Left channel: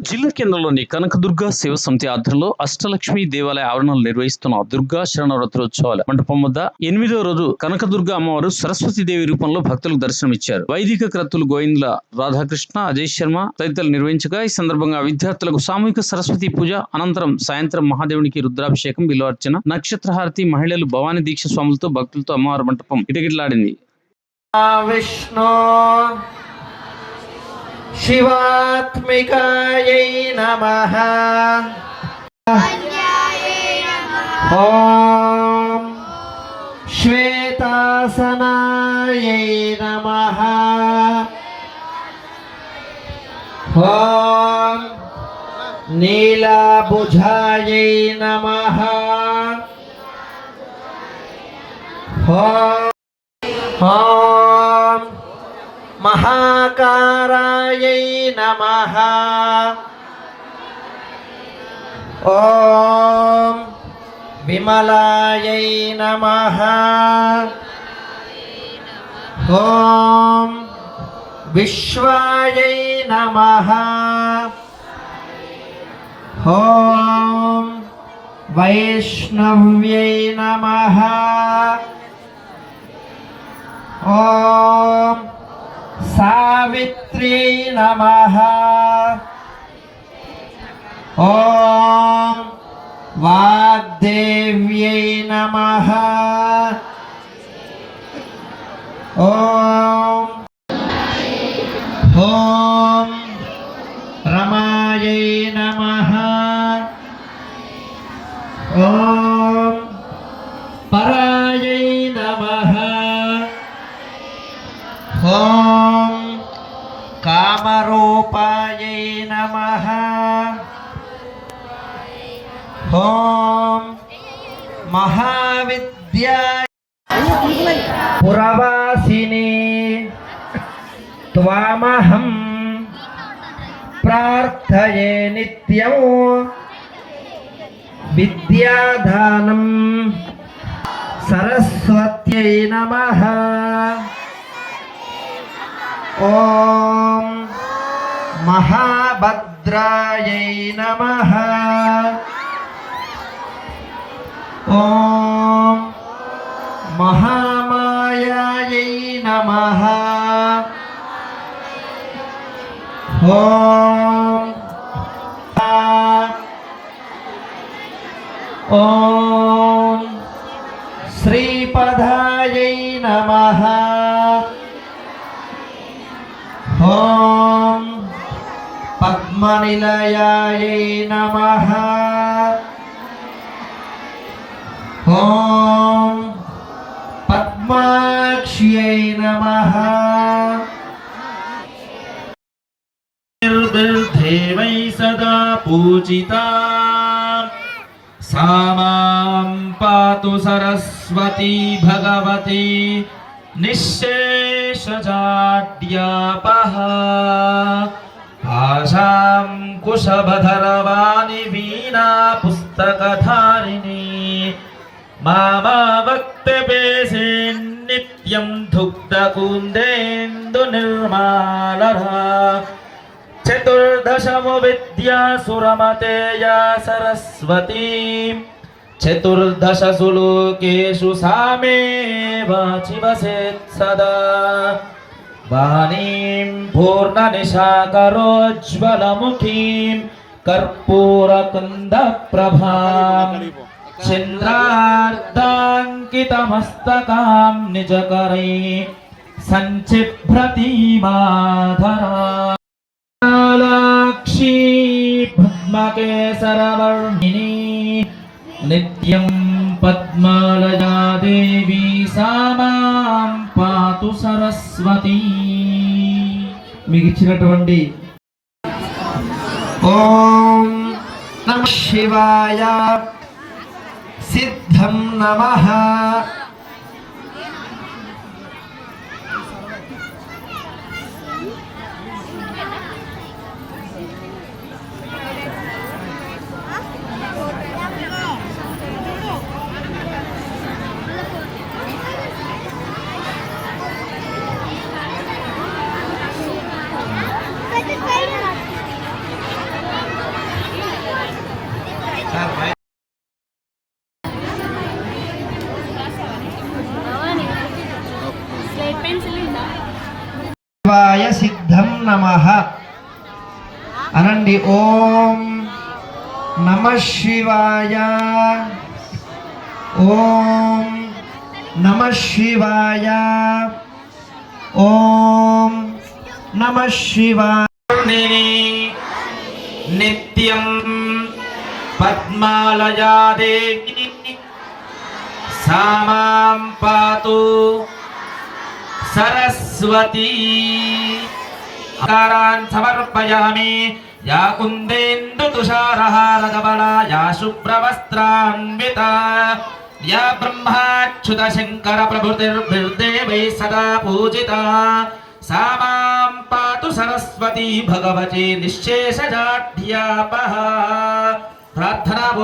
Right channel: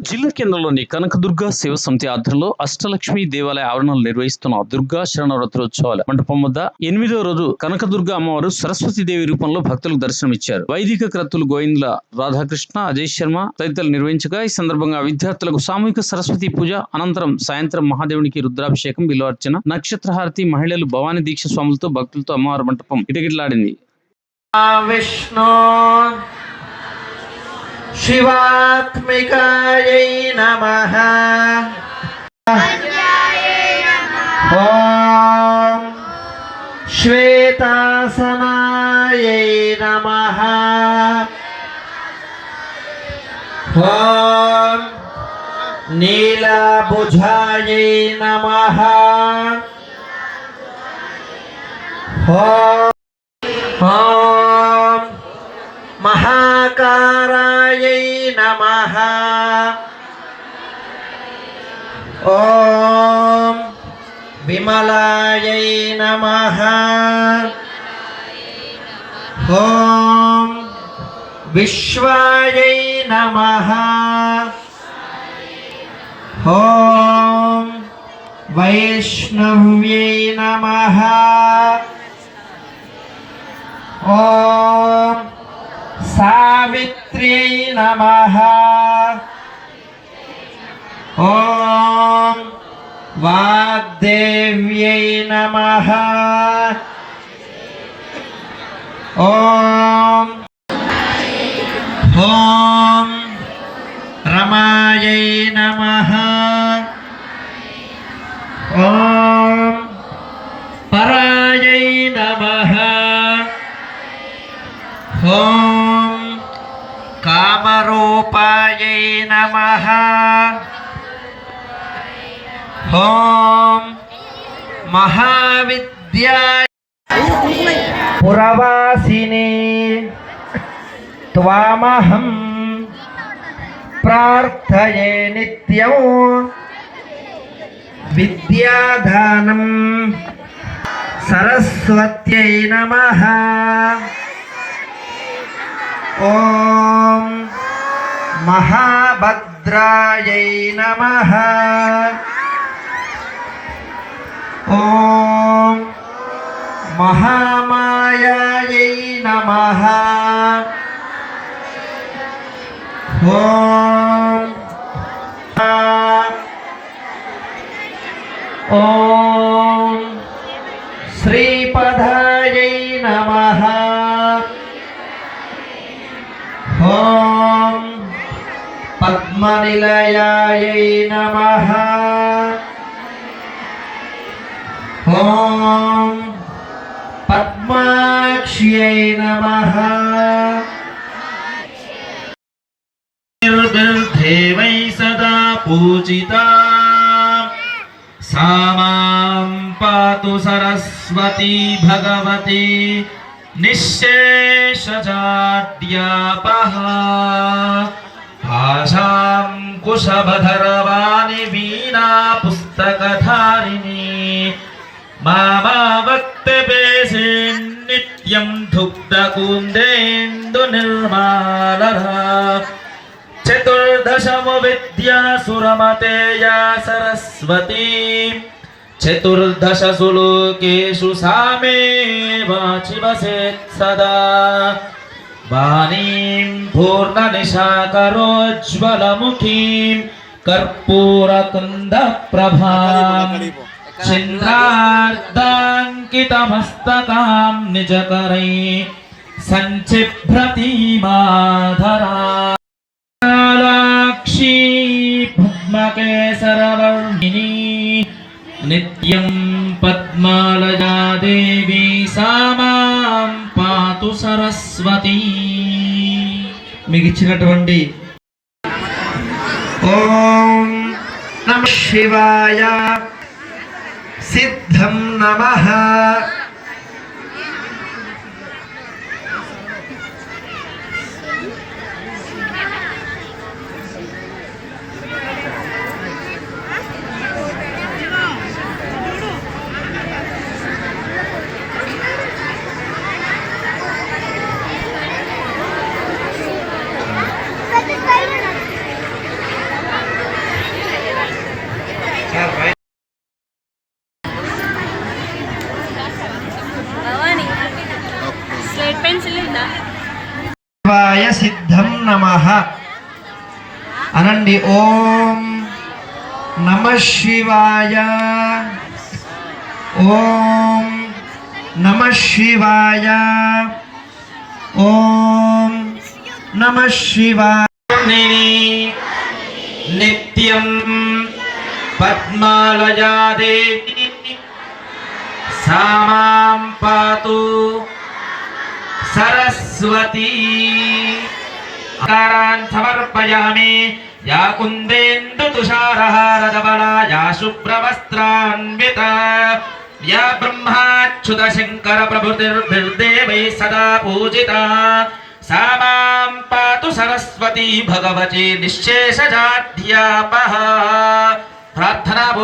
జిల్లా కేంద్రంలోని కనకదుర్గ శివ సమితి ఆధ్వర్యంలో అష్టలక్ష్మి దేవాలయ ఆవరణలు నిర్వహిస్తున్న దుర్గా శరణవరాత్రోత్సవాల మండపం వద్ద ఎనిమిదో రోజు కనకదుర్గ అమ్మవారు సరస్వతి దేవి రూపంలో భక్తులకు దర్శనమిచ్చారు. వైదిక క్రతులు గోవింద రాధాకృష్ణ అజయ్ శర్మ తదితరులు నిర్వహించగా ఈ సందర్భంగా విద్యార్థులకు సామూహిక సరస్వతి పూజ అనంతరం సాయంత్రం మహాదేవునికి రుద్రాభిషేకం బిల్వార్చన నక్షత్రహారతి మహిళలు భవానీ దీక్ష స్వాములతో భక్తులతో అమ్మవారి మంటపం ఇటగిట్లాడింది విష్ణు శివాత్మికాయై నమ ఓం శ్వేతాసనాయై నమ ఓం నీలాభుజాయై నమ ఓం ఓం మహాకారాయై నమః ఓం విమలాయై నమః ఓం విశ్వాయై నమః ఓం వైష్ణవ్యై నమః ఓం సావిత్రీ నమ ఓం వాగ్దేవ్యై నమ ఓం ఓం రమాయై నమ ఓం పరాయై నమః ఓం కామరూపాయై నమ. ఓం మహావిద్యా పురవాసిని త్వామహం ప్రార్థయే నిత్యం విద్యాదానం సరస్వత్యై నమః. ఓం మహాభద్రాయై నమ. ఓం మహామాయాయై నమ. ఓం ఓం శ్రీపదాయై నమః. పద్మనిలయాయై నమః ఓం పద్మాక్ష్యై నమః నిర్దేవై సదా పూజితా सा मां पातु सरस्वती भगवती निःशेषजाड्यापः ఆశాంకుశభరవాణి వీణా పుస్తకధారిణి మామావక్తపేశీన్ నిత్యం ధుగ్ధకూందేందు నిర్మాలర చతుర్దశము విద్యాసురమతేయా సరస్వతీ చతుర్దశసు లోకేషు సామే వాచివసేత్ సదా वाणीं पूर्णनिशाकरोज्ज्वलमुखीं कर्पूरकुन्दप्रभां छिन्द्रार्ताङ्कितमस्तकां निजकरै सञ्चिभ्रतीमाधराक्षी पद्मकेसरवर्णिनी नित्यं पद्मालया देवी सामां पातु सरस्वती। మీకు ఇచ్చినటువంటి ఓం నమ శివాయ. సిద్ధం నమ. శివాయ సిద్ధం నమ. అనండి ఓం నమ శివాయ. ఓం నమ శివాయ. ఓం నమ శివాయ. నిత్యం పద్మాలయాదేవి सरस्वती आकारान् समर्पयामि या कुन्देन्दुतुषारहारधवला या शुभ्रवस्त्रान्विता या ब्रह्माच्युतशङ्करप्रभृतिर्भिर्देवैः सदा पूजिता सा मां पातु सरस्वती भगवती निःशेषजाढ्यापः प्रार्थना